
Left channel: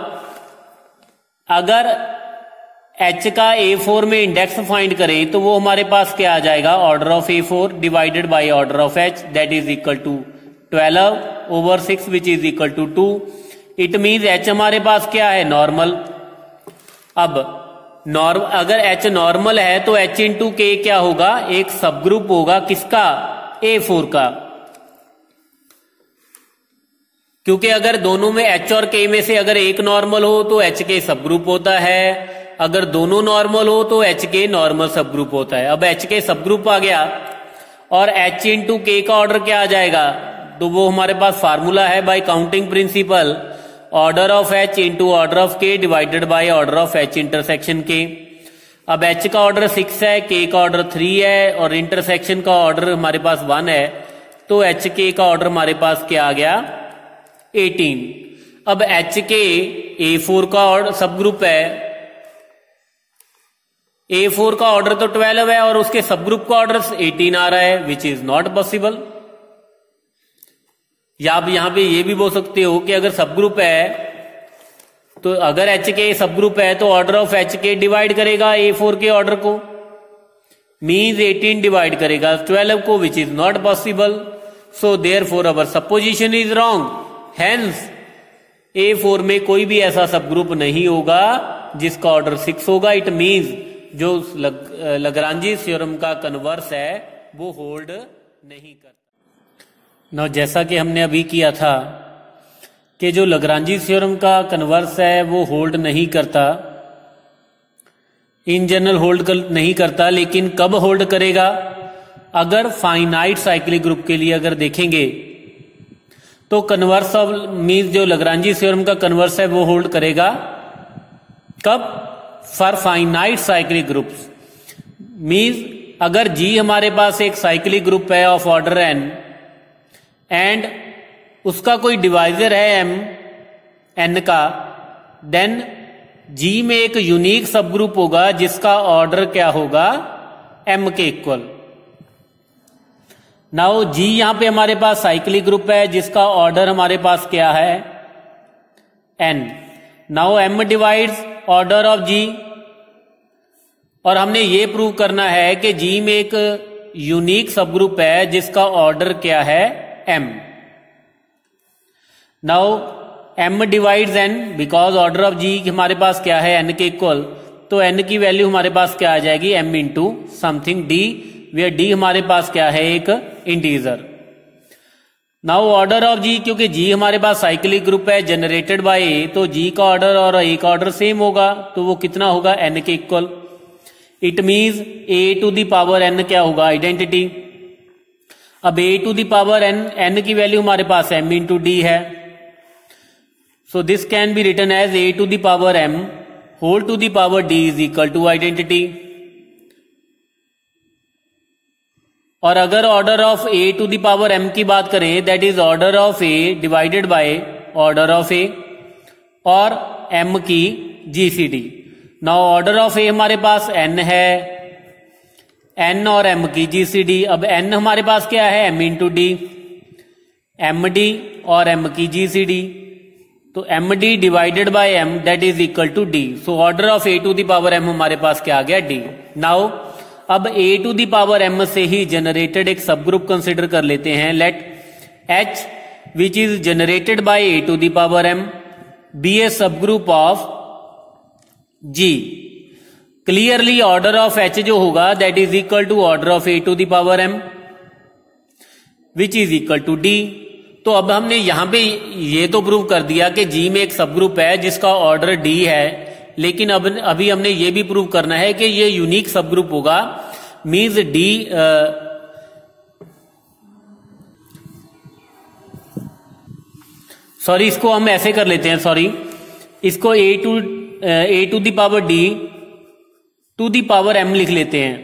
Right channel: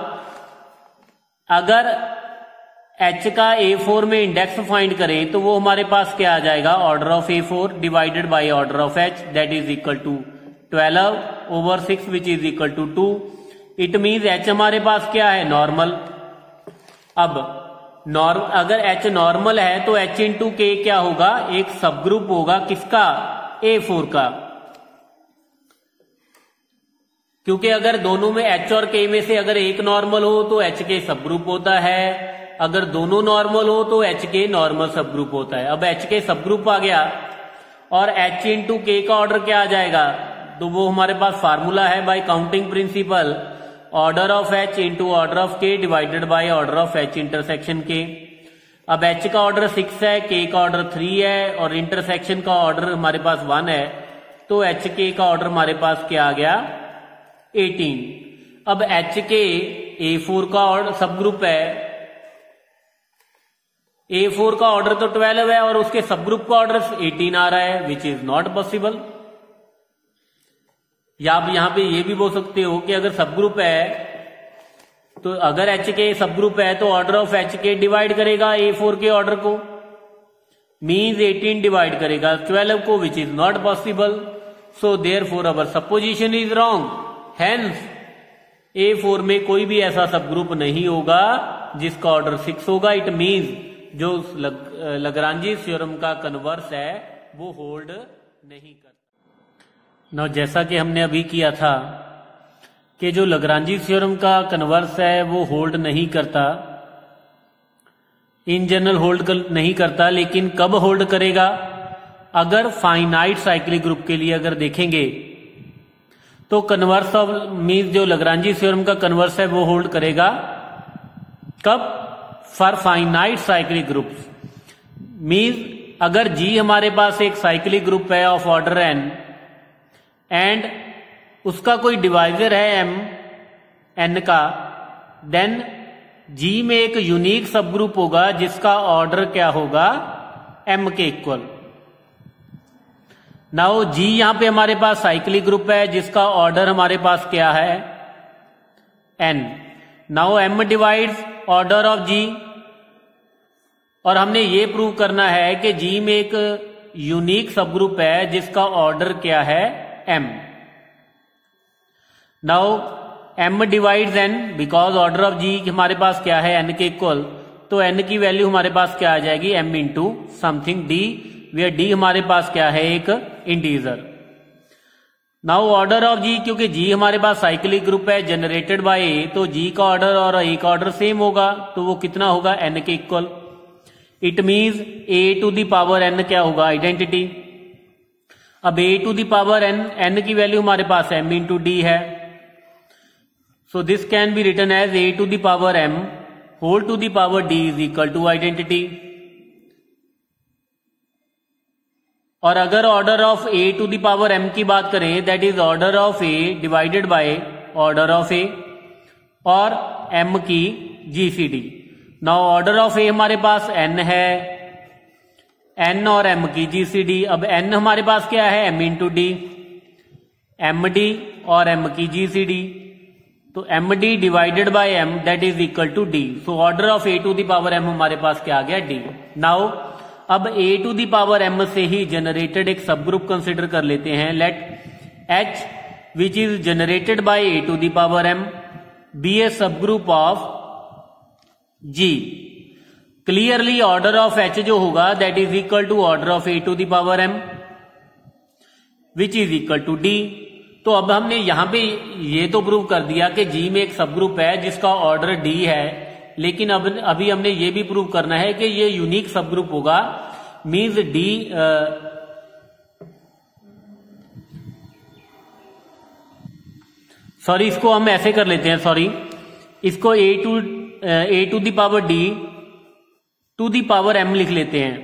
अगर H का A4 में इंडेक्स फाइंड करें तो वो हमारे पास क्या आ जाएगा? Order of A4 divided by order of H, that is equal to 12 over 6 which is equal to 2। It means H हमारे पास क्या है? नॉर्मल। अब अगर H नॉर्मल है तो H इंटू K क्या होगा? एक सब ग्रुप होगा किसका? A4 का। क्योंकि अगर दोनों में H और K में से अगर एक नॉर्मल हो तो H K सब ग्रुप होता है, अगर दोनों नॉर्मल हो तो H K normal subgroup होता है। अब H K सब ग्रुप आ गया और H इंटू K का ऑर्डर क्या आ जाएगा? तो वो हमारे पास फार्मूला है by counting principle, order of H into order of K divided by order of H intersection K। अब H का ऑर्डर 6 है, K का ऑर्डर 3 है और इंटरसेक्शन का ऑर्डर हमारे पास 1 है, तो H K का ऑर्डर हमारे पास क्या आ गया? 18। अब H K A4 का ऑर्डर सब ग्रुप है, A4 का ऑर्डर तो 12 है और उसके सब ग्रुप का ऑर्डर 18 आ रहा है, विच इज नॉट पॉसिबल। या आप यहां पे ये भी बोल सकते हो कि अगर सब ग्रुप है तो अगर H K सब ग्रुप है तो order of H K divide करेगा A4 के ऑर्डर को, मीन्स 18 डिवाइड करेगा 12 को, which is not possible. So therefore our supposition is wrong. Hence A4 में कोई भी ऐसा सब ग्रुप नहीं होगा जिसका ऑर्डर 6 होगा। इट मीन्स जो लग्रांजी थ्योरम का कन्वर्स है वो होल्ड नहीं करता। ना जैसा कि हमने अभी किया था कि जो लग्रांजी थ्योरम का कन्वर्स है वो होल्ड नहीं करता, इन जनरल होल्ड नहीं करता, लेकिन कब होल्ड करेगा? अगर फाइनाइट साइक्लिक ग्रुप के लिए अगर देखेंगे तो कन्वर्स ऑफ मीन्स जो लग्रांजी थ्योरम का कन्वर्स है वो होल्ड करेगा कब? For finite cyclic groups. Means अगर G हमारे पास एक साइक्लिक ग्रुप है ऑफ ऑर्डर n एंड उसका कोई डिवाइजर है m n का, देन G में एक यूनिक सब ग्रुप होगा जिसका ऑर्डर क्या होगा? m के इक्वल। नाउ G यहां पे हमारे पास साइक्लिक ग्रुप है जिसका ऑर्डर हमारे पास क्या है? n। Now m divides order of G, और हमने ये प्रूव करना है कि G में एक यूनिक सब ग्रुप है जिसका ऑर्डर क्या है? m। Now m divides n because order of G हमारे पास क्या है? n के इक्वल, तो n की वैल्यू हमारे पास क्या आ जाएगी? m into something d, where d हमारे पास क्या है? एक integer. Now order of G, क्योंकि जी हमारे पास साइक्लिक ग्रुप है जनरेटेड बाय ए, तो जी का ऑर्डर और ए का ऑर्डर सेम होगा, तो वो कितना होगा, एन के equal. It means A to the power N क्या होगा, आइडेंटिटी। अब A to the power N, N की वैल्यू हमारे पास एम इंटू डी है, so this can be written as A to the power M whole to the power D is equal to identity. और अगर order of A to the power M की बात करें, that is order of A divided by order of A और M की GCD. Now order of A हमारे पास N है, एन और एम की जीसीडी। अब एन हमारे पास क्या है, M into D, M D और एम की जीसीडी, तो M D divided by M that is equal to D. So order of A to the power M हमारे पास क्या आ गया, डी। नाउ अब A to the power M से ही जनरेटेड एक सब ग्रुप कंसिडर कर लेते हैं। Let H which is generated by A to the power M be a subgroup of G. Clearly order of H जो होगा that is equal to order of A to the power M which is equal to D. तो अब हमने यहां पे ये तो prove कर दिया कि जी में एक सब ग्रुप है जिसका ऑर्डर डी है, लेकिन अब अभी हमने ये भी प्रूव करना है कि ये यूनिक सब ग्रुप होगा, मीन्स डी सॉरी इसको हम ऐसे कर लेते हैं, सॉरी इसको A to the power D to the power M लिख लेते हैं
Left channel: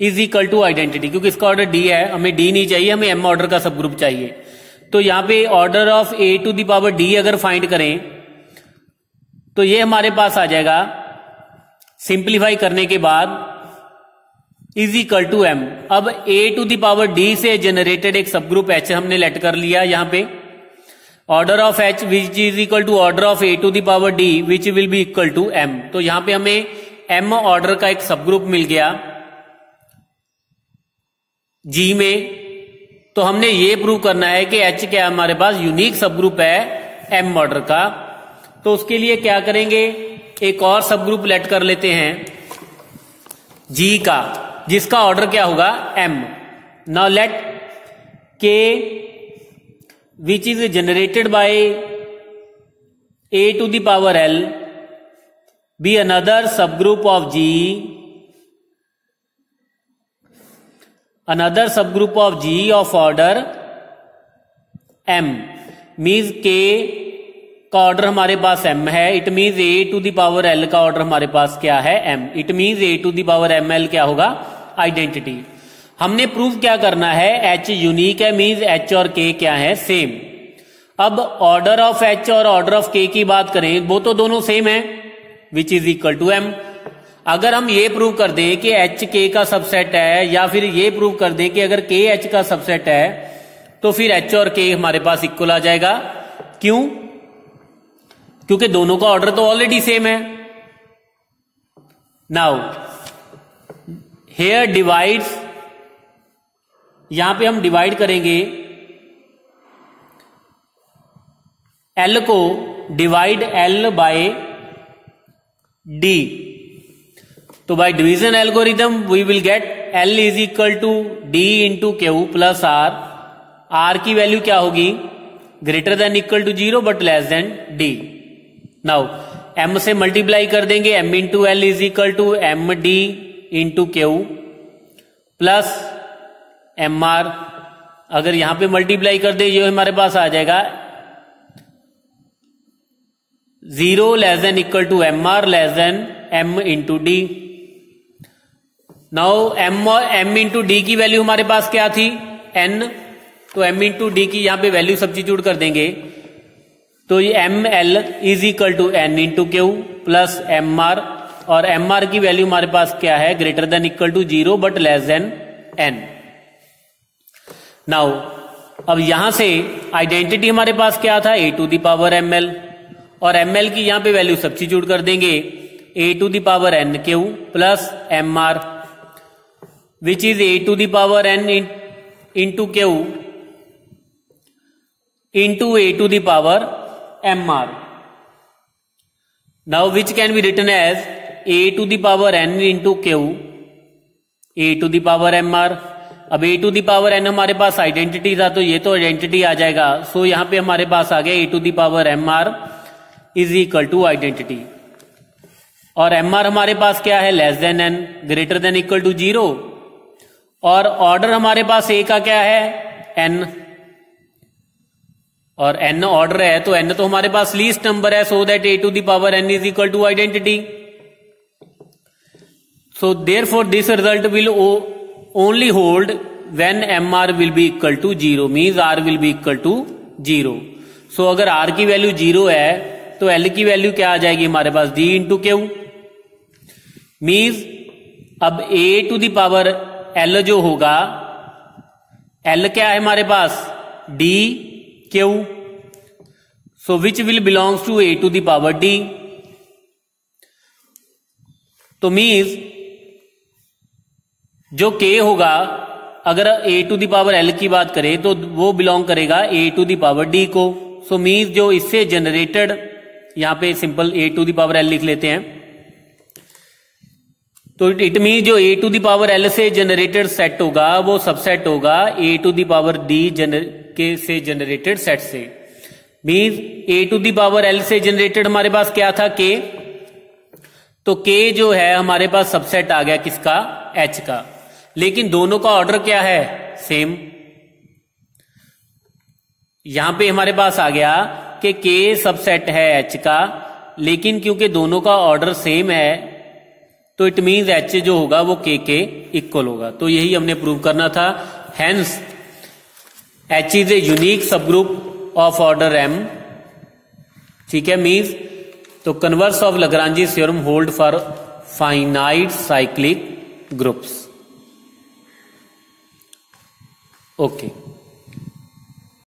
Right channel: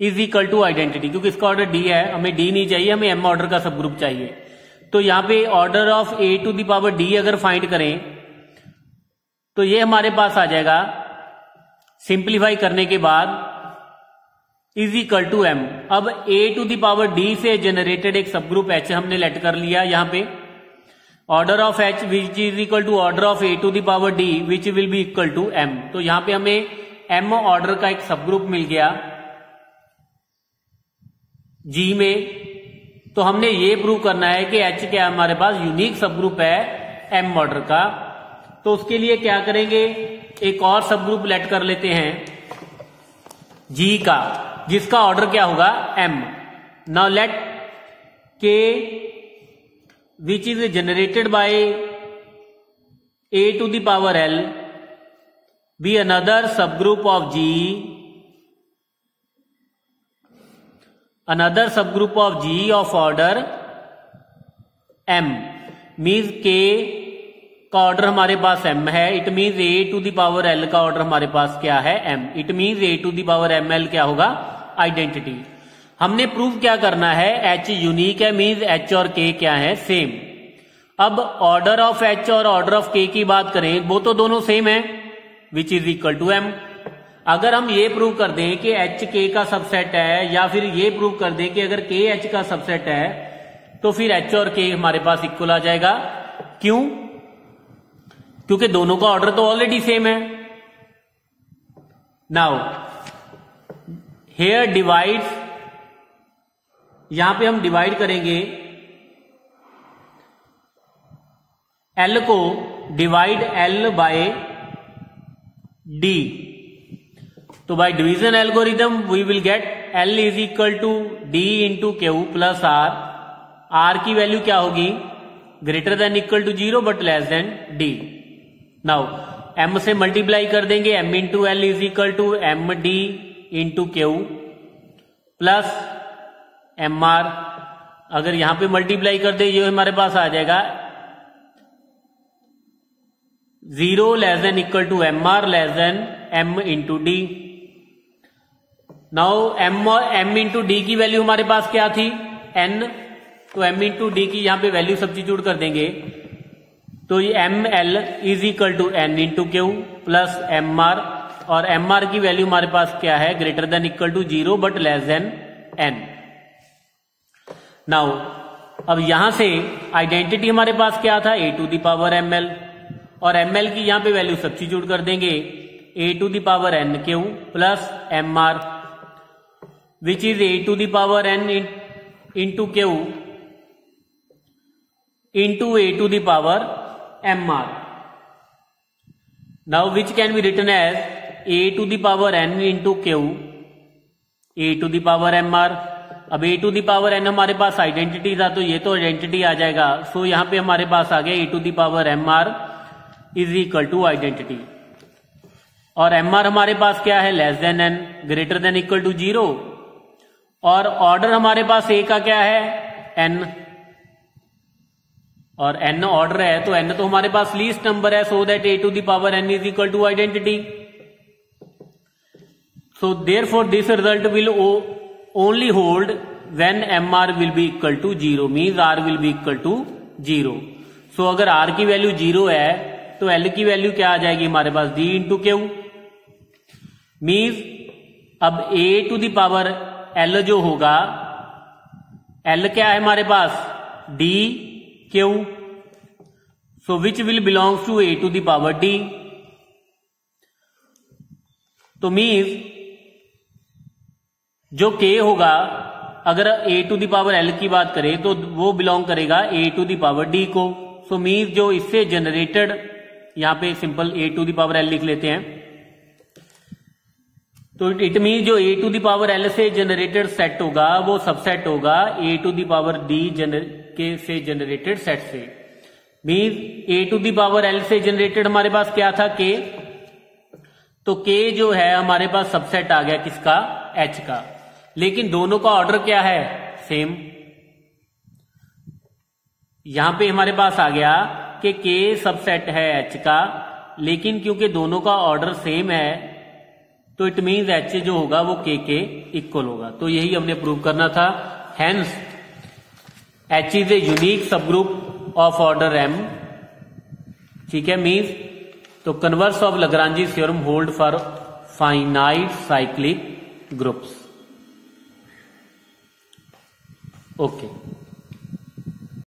इज इक्वल टू आइडेंटिटी, क्योंकि इसका ऑर्डर डी है, हमें डी नहीं चाहिए, हमें एम ऑर्डर का सब ग्रुप चाहिए। तो यहां पे order of A to the power D अगर फाइंड करें तो ये हमारे पास आ जाएगा, सिंप्लीफाई करने के बाद इज इक्वल टू एम। अब A to the power D से जनरेटेड एक सब ग्रुप एच हमने लेट कर लिया, यहां पे order of H which is equal to order of A to the power D which will be equal to M. तो यहां पे हमें एम ऑर्डर का एक सब ग्रुप मिल गया जी में। तो हमने ये प्रूव करना है कि एच क्या हमारे पास यूनिक सब ग्रुप है एम ऑर्डर का। तो उसके लिए क्या करेंगे, एक और सब ग्रुप लेट कर लेते हैं जी का, जिसका ऑर्डर क्या होगा, M. Now let K which is generated by A to the power L be another subgroup of G, another subgroup of G of order M. Means K का order हमारे पास m है, it means A to the power l का order हमारे पास क्या है, m। It means A to the power ml क्या होगा, आइडेंटिटी। हमने प्रूव क्या करना है, h यूनिक है, मीन्स h और k क्या है, सेम। अब ऑर्डर ऑफ h और ऑर्डर ऑफ k की बात करें, वो तो दोनों सेम है, which is equal to m। अगर हम ये प्रूव कर दें कि h k का सबसेट है, या फिर ये प्रूव कर दें कि अगर k h का सबसेट है, तो फिर h और k हमारे पास इक्वल आ जाएगा। क्यों, क्योंकि दोनों का ऑर्डर तो ऑलरेडी सेम है। नाउ हेयर डिवाइड्स, यहां पे हम डिवाइड करेंगे L को, डिवाइड L बाय D। तो by division algorithm we will get L is equal to D into Q plus R। R की वैल्यू क्या होगी, greater than equal to 0 but less than D। Now m से multiply कर देंगे, m into L is equal to M D into Q plus M are. अगर यहां पे multiply कर दे, जो हमारे पास आ जाएगा 0 less than equal to M R less than m into D. Now m into D की वैल्यू हमारे पास क्या थी, n, तो m इंटू डी की यहां पे वैल्यू सब्स्टिट्यूट कर देंगे, तो ये M L is equal to N into Q plus M R, और एम आर की वैल्यू हमारे पास क्या है, greater than equal to 0 but less than N. Now अब यहां से आइडेंटिटी हमारे पास क्या था, A to the power M L, और एम एल की यहां पे वैल्यू सब्स्टिट्यूट कर देंगे, A to the power N Q plus M R which is A to the power N into Q into A to the power mr. Now which can be written as a to the power n into q, a to the power mr, अब A to the power N हमारे पास identity था, तो ये तो identity आ जाएगा। सो यहां पे हमारे पास आ गया A to the power M R is equal to identity. और एम आर हमारे पास क्या है, less than N, greater than equal to 0। और ऑर्डर हमारे पास ए का क्या है, एन, और एन ऑर्डर है तो एन तो हमारे पास लीस्ट नंबर है, so that A to the power N is equal to identity. So therefore this result will only hold when M R will be equal to 0, means R will be equal to 0। So अगर R की value 0 है तो L की value क्या आ जाएगी हमारे पास, डी इंटू क्यू। मीन्स अब A to the power L जो होगा, एल क्या है हमारे पास, D Q. So which will belongs to A to the power D. तो मीन्स जो k होगा, अगर A to the power L की बात करें तो वो बिलोंग करेगा A to the power D को। सो मीन्स जो इससे जनरेटेड, यहां पे simple A to the power L लिख लेते हैं, तो इट मीन जो A to the power L से जनरेटेड सेट होगा वो सबसेट होगा A to the power D K से जनरेटेड सेट से। Means A to the power L से जनरेटेड हमारे पास क्या था, के, तो के जो है हमारे पास सबसेट आ गया किसका, एच का। लेकिन दोनों का ऑर्डर क्या है, सेम। यहां पे हमारे पास आ गया कि के सबसेट है एच का, लेकिन क्योंकि दोनों का ऑर्डर सेम है तो इट मीन्स एच जो होगा वो के इक्वल होगा। तो यही हमने प्रूव करना था। Hence H is a unique subgroup of order M. ठीक है, मीन्स तो converse of Lagrange theorem hold for finite cyclic groups. Okay.